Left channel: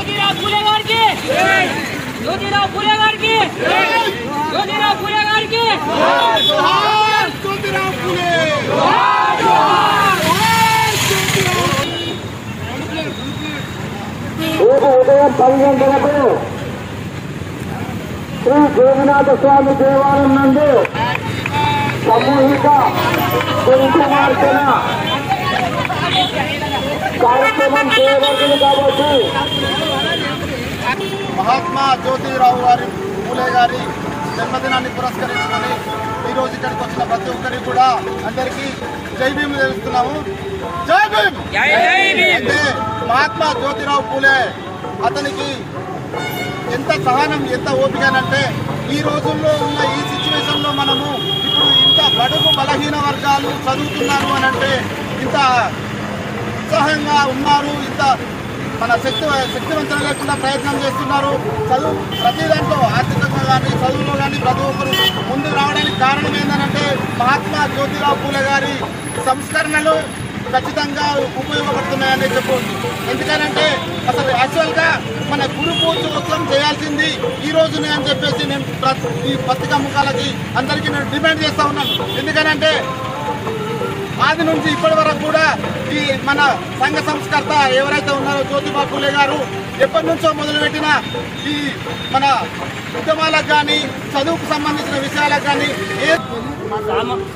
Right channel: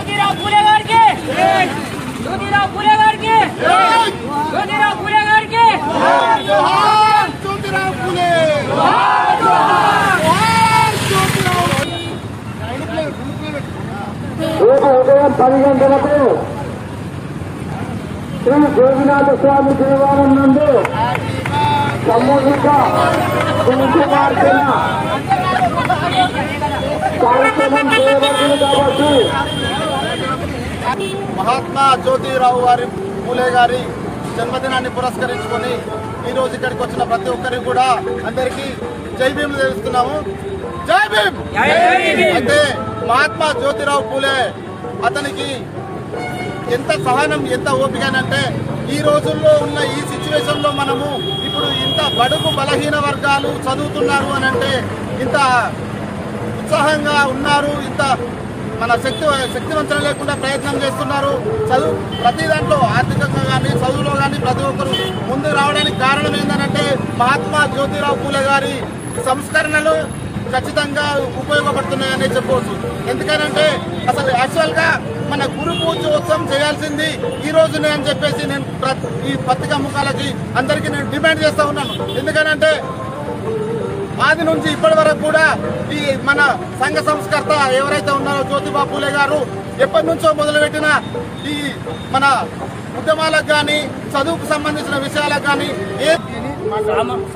ज्योतिराव फुले गाరికి ज्योतिराव फुले गाరికి ज्योतिराव फुले गाరికి जोहार ज्योतिराव फुले जोहार ज्योतिराव ఉదయం 10 గంటలకు శ్రీ గోవినాథ స్వామి దేవాలయం నందు సామూహిక కార్యక్రమం చేయబడుతుంది కాబట్టి మహాత్మా జ్యోతిరావు ఫూలే గారి జన్మదినాన్ని పురస్కరించుకొని ఈరోజు ఇక్కడికి వచ్చిన ప్రతి ఒక్కరికి కూడా అందరికీ జై భీమ్ తెలుస్తున్నాము. జై భీమ్. అయితే మహాత్మా జ్యోతిరావు ఫూలే అతనికి ఎంత సహనం ఎంత ఓపికనంటే ఈ రోజుల్లో ఉన్న ఈ సిచ్యువేషన్లో మనము ఇప్పుడు ఇంత బడుగు బలహీన వర్గాలు చదువుతున్నారు అని అంటే ఇంత ఉత్సాహంగా ఉన్నారు, ఇంత మన శక్తివంతం లేకుండా ప్రయత్నం చేస్తున్నారు. చదువు ప్రతి దాంట్లో ఆర్థికంగా కానీ చదువులో కానీ ప్రతి ఒక్కరు ముందు రావడానికి కారణం ఏంటంటే మహాత్మా జ్యోతిరావు ఫూలే గారి సంస్కరణలు ఖచ్చితంగా ఉపయోగపడుతున్నాయని చెప్పవచ్చు. ఎందుకనంటే అసలు యాక్చువల్గా మన గురు పూజోత్సవం చేయాల్సింది ఈ రోజునే అని చెప్పేసి నేను ఈ పత్రికా ముఖాలకి అందరికీ నేను డిమాండ్ చేస్తూ ఉన్నాను. ఎందుకనంటే ఆది నుంచి ఇప్పటి వరకు కూడా ఈ మన సంఘ సంస్కర్త ఎవరైతే ఉన్నారో జ్యోతిబా ఫూలే గారు ఎప్పటి నుంచో మొదలుపెట్టిన ఈ మన ఉద్యమాలకు కానీ చదువుకు సంబంధించిన విషయాలకు కానీ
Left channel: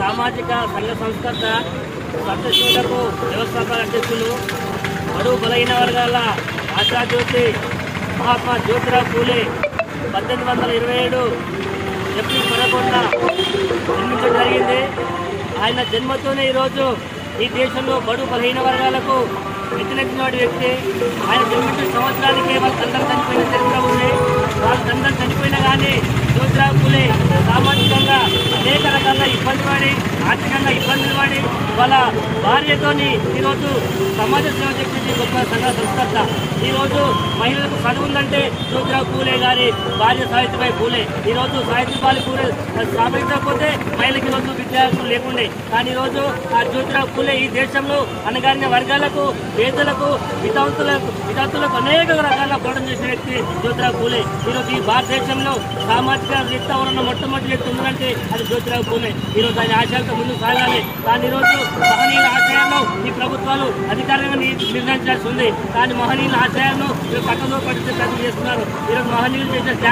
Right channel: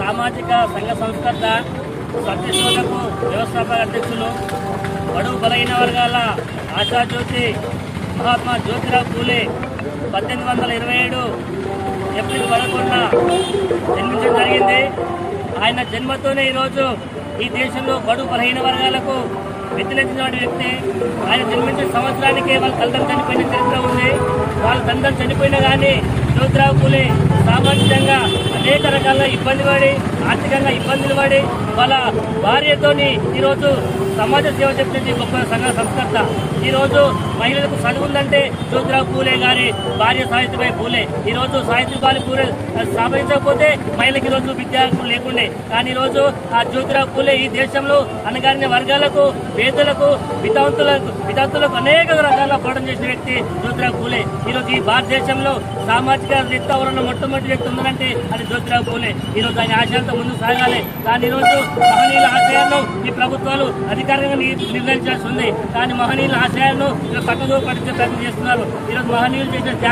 సామాజిక సంఘ సంస్కర్త సత్యశోధకు వ్యవస్థాపక అధ్యక్షులు బడుగు బలహీన వర్గాల ఆశాజ్యోతి మహాత్మా జ్యోతిరావు ఫూలే 1827 ఏప్రిల్ 11న జన్మించడం జరిగింది. ఆయన జన్మతోనే ఈరోజు ఈ దేశంలో బడుగు బలహీన వర్గాలకు వ్యతిరేకించిన వ్యక్తి. ఆయన జన్మించిన సంవత్సరానికే వాళ్ళ తల్లిదండ్రులు చనిపోయిన చరిత్ర ఉంది. వాళ్ళ తల్లిదండ్రులు చనిపోయినా కానీ జ్యోతిరావు ఫూలే సామాజికంగా అనేక రకాల ఇబ్బంది పడి ఆర్థికంగా ఇబ్బందులు పడి వాళ్ళ భార్యతోని ఈరోజు సమాజ సేవ చేసే గొప్ప సంఘ సంస్కర్త. ఈరోజు మహిళలకు చదువుందంటే జ్యోతిరావు ఫూలే గారి భార్య సావిత్రిబాయి ఫూలే. ఈరోజు సావిత్రిబాయి ఫూలే స్థాపించకపోతే మహిళకి ఈరోజు విద్యార్థులు లేకుండే. కానీ ఈరోజు ఆ జ్యోతిరావు ఫూలే ఈ దేశంలో అనగారిన వర్గాలకు, పేదలకు, వితంతులకు అనేక రకాల పోరాటం చేసిన వ్యక్తి జ్యోతిరావు ఫూలే. ఈరోజు ఈ భారతదేశంలో సామాజిక రీత్యా ఎవరన్నా మొట్టమొదటి వ్యక్తి ఉందంటే అది జ్యోతిరావు ఫూలే. ఈరోజు ఆయన ఆశయాలతో ముందుకు సాగాలి. కానీ ఈరోజు మహనీయుల ఆశయాలను ఈ ప్రభుత్వాలు అధికారికంగా నిర్ణయించాల్సి ఉంది. కానీ మహనీయుల ఆశయాలను పక్కదో పట్టించే ప్రయత్నం చేస్తున్నారు. ఈరోజు మహనీయులు చేసిన